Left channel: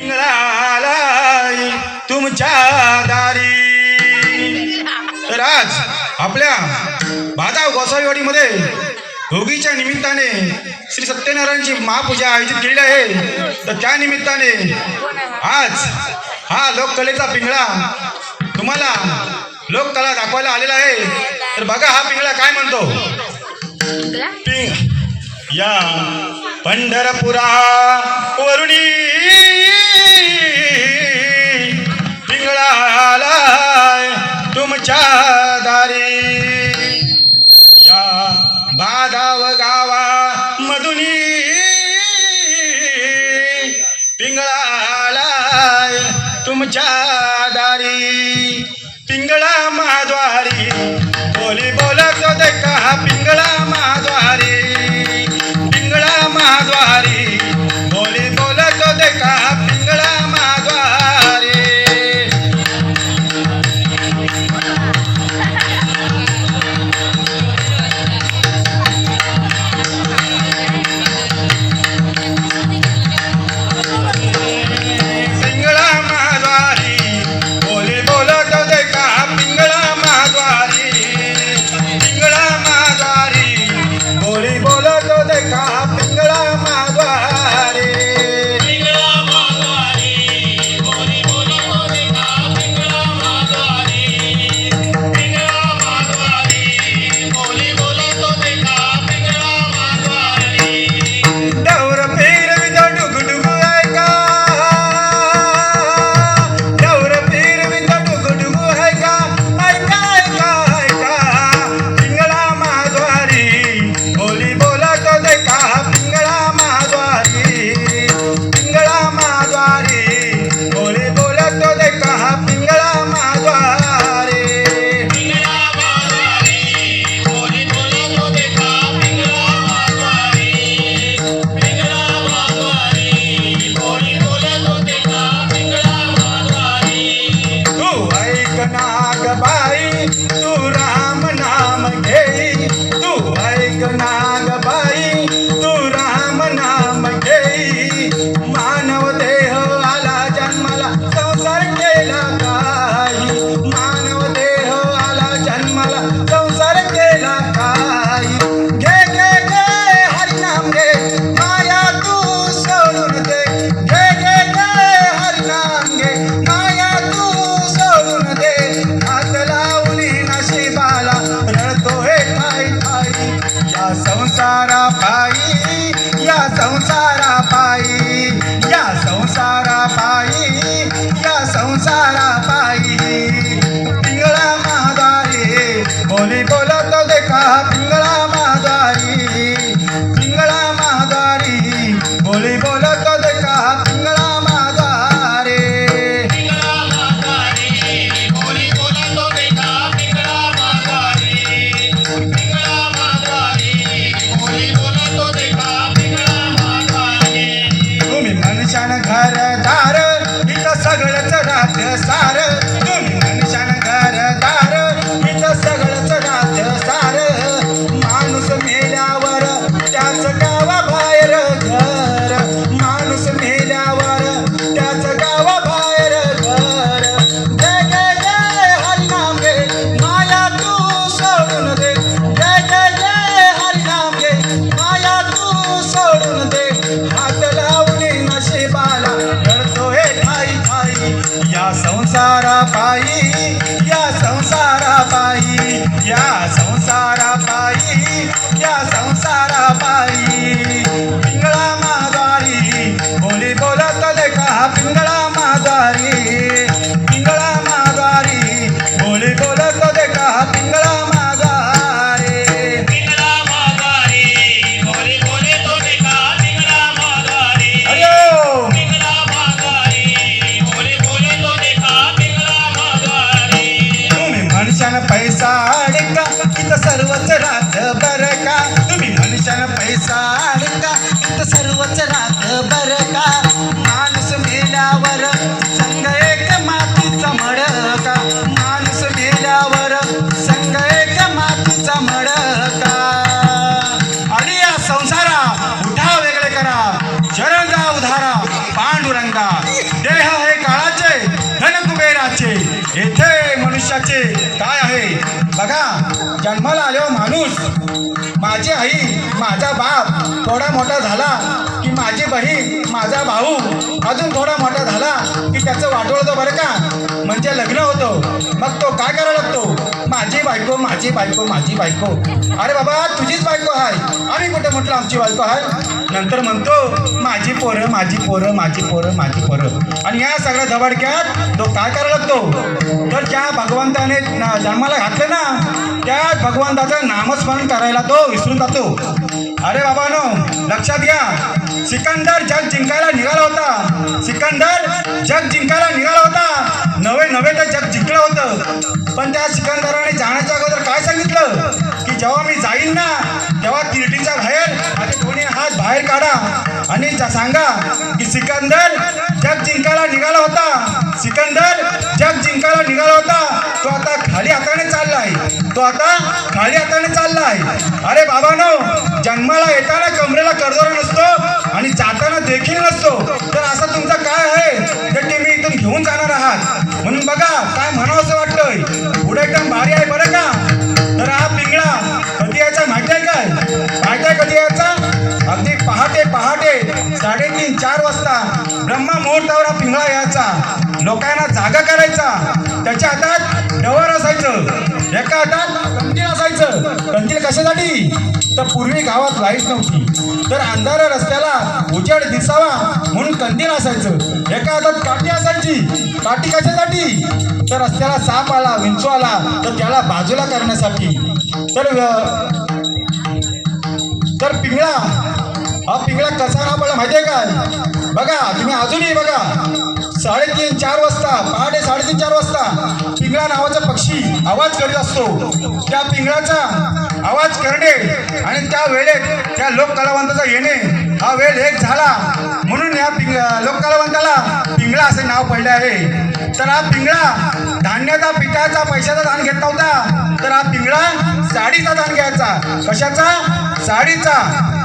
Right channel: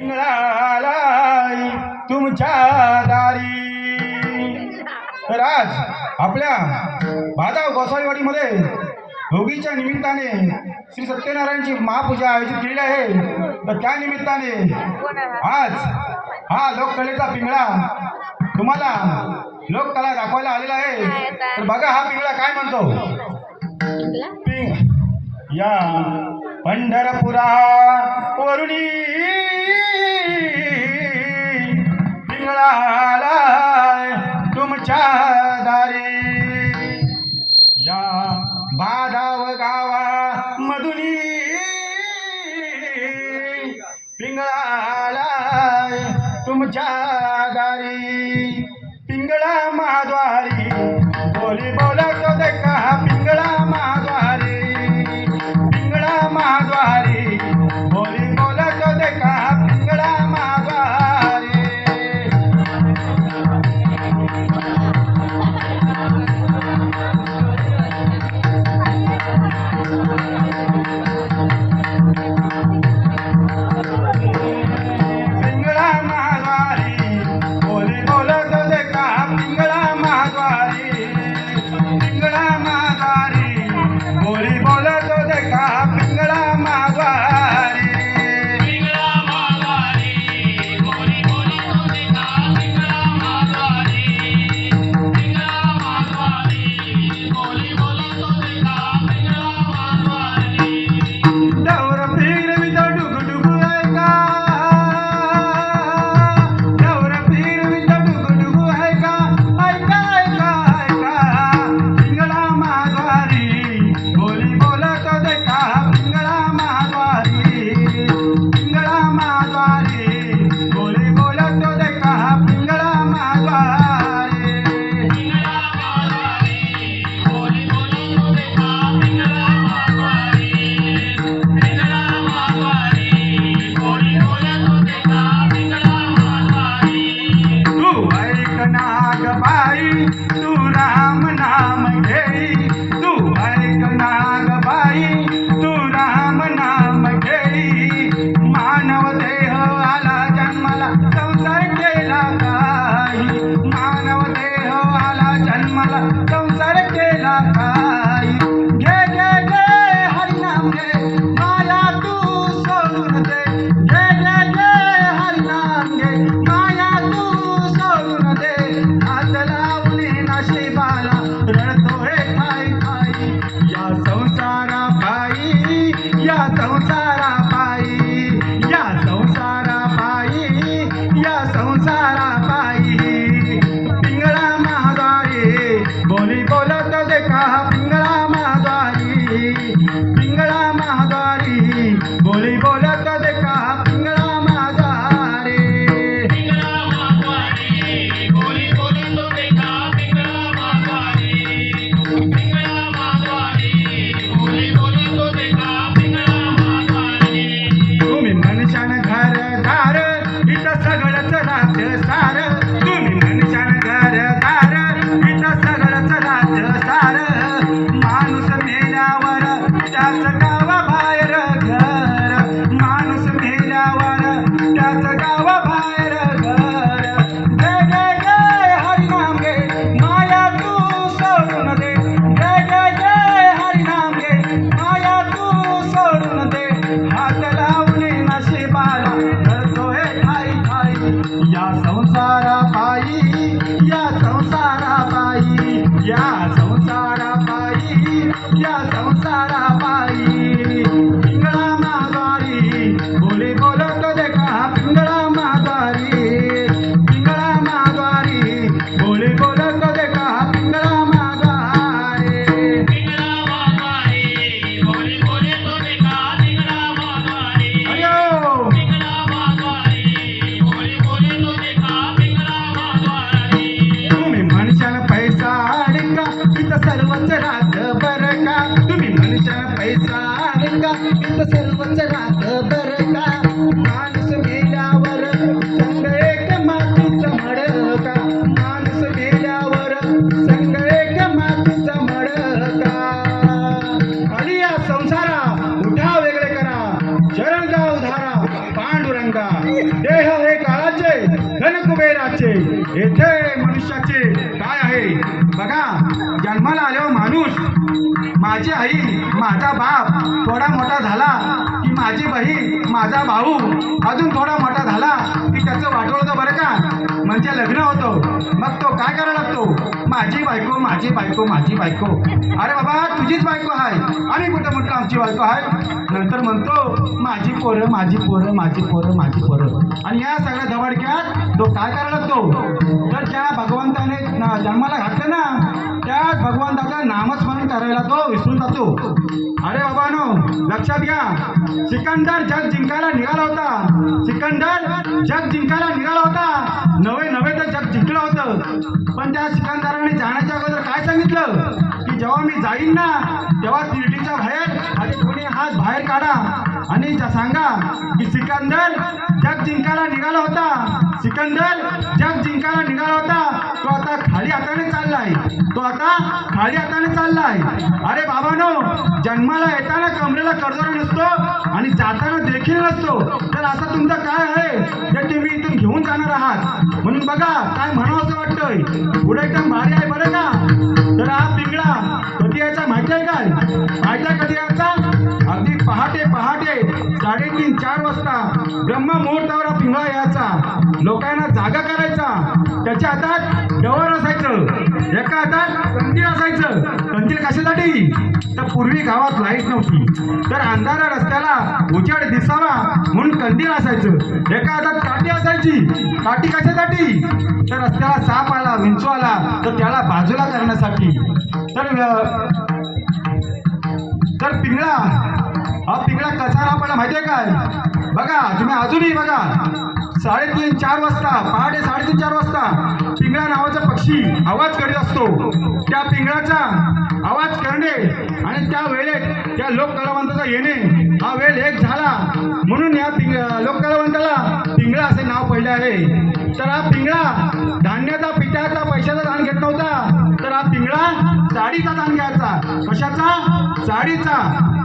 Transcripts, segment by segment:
पिंगळालाय तुमच्या दारी। तर आज आपल्या भादाव गोसावीवाडीमध्ये भोगीच्या निमित्ताने श्री सत्यनारायणची महापूजा आयोजित केलेली आहे। तर त्या निमित्ताने आज हा लोककलेचा पिंगळा तुम्हाला लोककला दाखवायला आलेला आहे। तर बघा हा पिंगळा काय म्हणतो। या पंढरपुरा वरुणी पिंगळालाय तुमच्या दारी। या भादाव गावा मधुनी पिंगळालाय तुमच्या दारी। पिंगळा महाद्वारी बोली बोलत देखा पिंगळा महाद्वारी। पिंगळा महाद्वारी बोली बोलत देखा पिंगळा महाद्वारी। पिंगळा महाद्वारी बोली बोलत देखा पिंगळा महाद्वारी। देह आहे काळाचे धन कुबेराचे येथे मनुष्याचे काय आहे बघा. जन्माला आल्यावर माणूस माझी आई माझा बाप थोडा मोठा झाला की माझी बहीण माझा भाऊ अजून थोडा मोठा झाला की त्याचं वाटोळ होतं बरं का. म्हणजे लग्न होतं मग तो काय करायला लागतो माझी बायको माझी बायको माझी बायको. अरे बाबा तुझीच बायको आहे आम्ही कुठं म्हटलं आमची बायको आहे. नंतर म्हणतो माझी पोरं माझी पोरं माझी पोरं माझी पोरं. आणि या सगळ्या धबाडक्यात तो काय करायला लागतो तर ज्या भगवंताने जन्माला घातलं ना त्या भगवंताचं नामस्मरण करायला तो विसरून जातो. अरे बाबानो लक्षात घ्या सिकंदर जग जिंकायला निघाला होता. सिकंदर जग जिंकायला निघाला होता. नवे तर जग जिंकलं होतं. पण त्या सिकंदराने जाण्याच्या अगोदर काय सांगितलं की जेव्हा मी जाईन ना तेव्हा तिरटीच्या बाहेर आधी कोणी हात बाहेर काढा आणि सांगा की सिकंदर जग जिंकायला निघाला होता. सिकंदर जग जिंकायला निघाला होता. तो आता खाली हाताने चाललाय. तो आता खाली हाताने चाललाय. अरे बाबानो जन्माला येताना कमरेला कर्जोरा नसतो आणि जाताना देखील नसतो. तर असं तुमचं काय आहे जे तुम्ही इथून घेऊन जाणार आहात. म्हणून बघा काय म्हणावं असं वाटतंय पुढे एकदम भारी आहे बरं का. तर हा पिंगळा कधी यायचा माहिती आहे काय माहिती आहे कधी यायचा अगदी पहाटे 3:30-4 वाजता ब्रह्ममुहूर्तावर हा पिंगळा यायचा. लोकांना जागा करायचा. त्याच्या हातात डवर असायचं एका हातात कंदील असायचं. कंदील कशासाठी तर पूर्वी गावात लाईट नव्हती तर अंधाऱ्या रस्त्याला उजेड दिसावा म्हणून कंदील असायचं. एका हातात काठी असायची. काठी कशासाठी तर रस्त्याला साप आला विंचू आला तर त्याला बाजूला करण्यासाठी. तर पिंगळा हा पिंगळा कसा आपल्याला माहिती आहे काय बघा तुम्ही अजूनही बघा 3:30-4 वाजता पहाटे 3:30-4 वाजता पिंगळा नावाचा पक्षी आवाज करीत असतो. त्या पिंगळाचा आवाज करणे आणि त्या वेळेत त्या लोककलावंताचा येणे हा वेळ एक झाला म्हणून या लोककलावंताला पिंगळा असे नाव पडले आहे. तर हा पिंगळा धान्याचा पिठाचा पैशाचा दान घेत नव्हता तर हा पिंगळा साडीचा दान घ्यायचा. कशाचा साडीचा.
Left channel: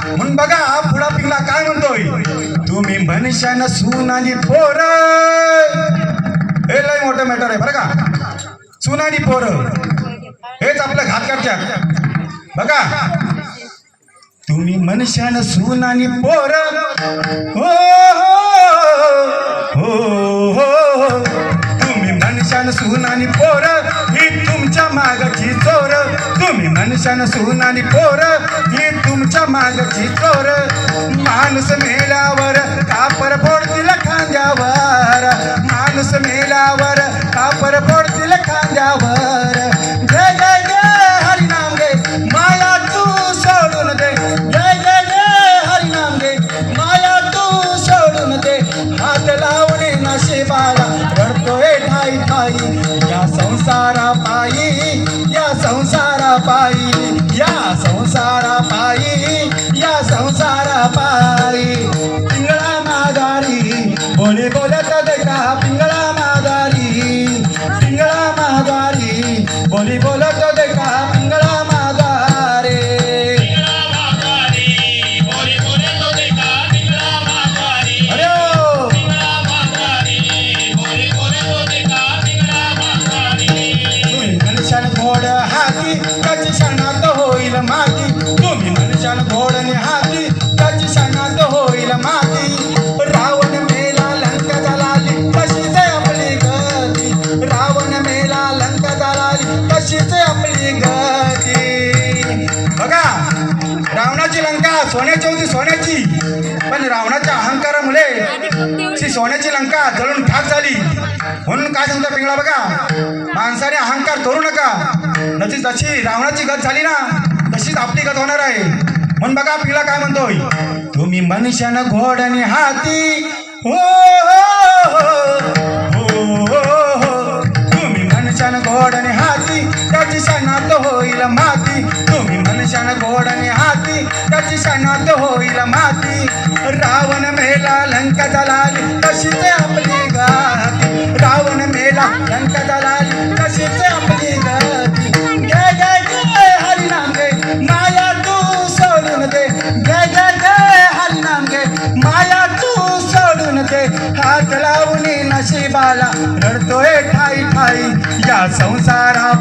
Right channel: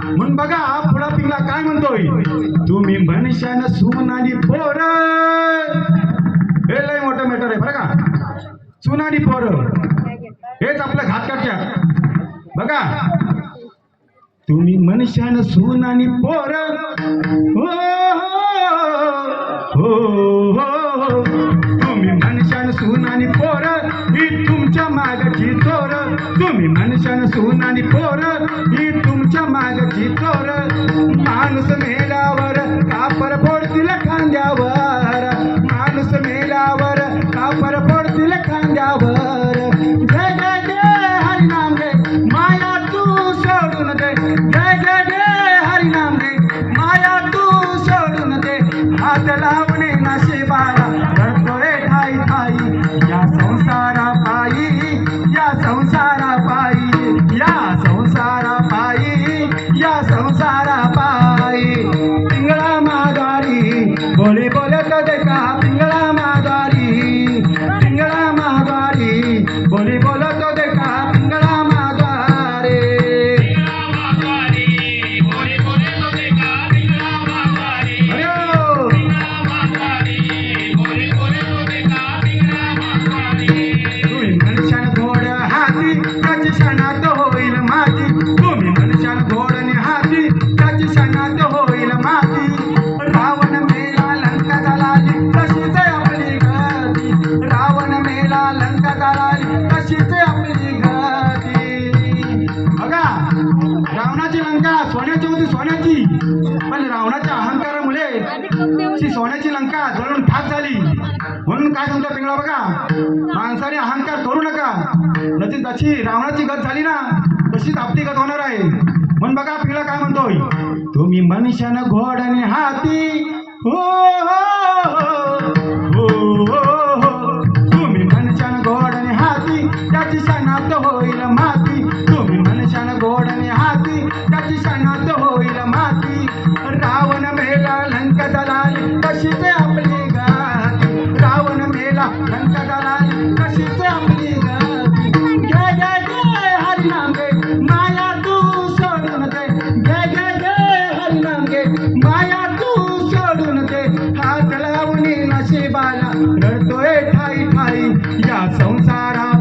म्हणून बघा हा पुढा पिंगळा काय म्हणतोय तुम्ही मनुष्यानं सुनानी पोर हे लय मोठं मॅटर आहे बरं का. सुनानी पोर हेच आपलं घात करतात बघा. तुम्ही मनुष्यानं सुनानी पोर हो हो हो तुम्ही मनुष्यानं सुनानी पोर ही तुमच्या मागची चोर. तुम्ही मनुष्यानं सुनानी पोर ही तुमच्या मागची चोर. माणूस मेल्यावर कापर फोडतील खांद्यावर. माणूस मेल्यावर कापर फोडतील खांद्यावर. जय जय जय हरिनाम गे माया तू सोडून दे. जय जय जय हरिनाम गे माया तू सोडून दे. हात लावणे नशिबाला रडतोय ठाई ठाई या संसारा पायी या संसारा पायी या संसारा पायी या संसारा पायी. पिंगळा माघारी बोले बोलता देखा पिंगळा माघारी. पिंगळा माघारी बोली बोलतो देखा पिंगळा माघारी. अरे ओ तुम्ही मनुष्याला घोड हाती त्याची शनात होईल माती. तुम्ही मनुष्याला घोडने हाती त्याची शनात होईल माती. रावण मेला लंका जळाली तशीच आपली गती. रावण मेला लंका जळाली तशीच आपली गती. बघा रावणाची लंका सोन्याची होती सोन्याची पण रावणाच्या अहंकारामुळे ती सोन्याची लंका जळून ठाक झाली. म्हणून काय सांगतो पिंगळा बघा माणसाने अहंकार करू नका. जशी रावणाची गत झाली ना तशीच आपली गत होणार आहे. म्हणून बघा पिंगळा काय म्हणतोय तुम्ही मनुष्यानं घोडणे हाती हो हो हो. तुम्ही मनुष्यानं घोडणे हाती त्याची शनात होईल माती. तुम्ही मनुष्यानं घोडणे हाती त्याची शनात होईल माती. रावण मेला लंका जळाली तशीच आपली गती. रावण मेला लंका जळाली तशीच आपली गती. जय जय जय हरिनाम गे माया तू सोडून दे. जय जय जय हरिनाम गे माया तू सोडून दे. हात बाला रडतोय ठाई ठाई या संसारा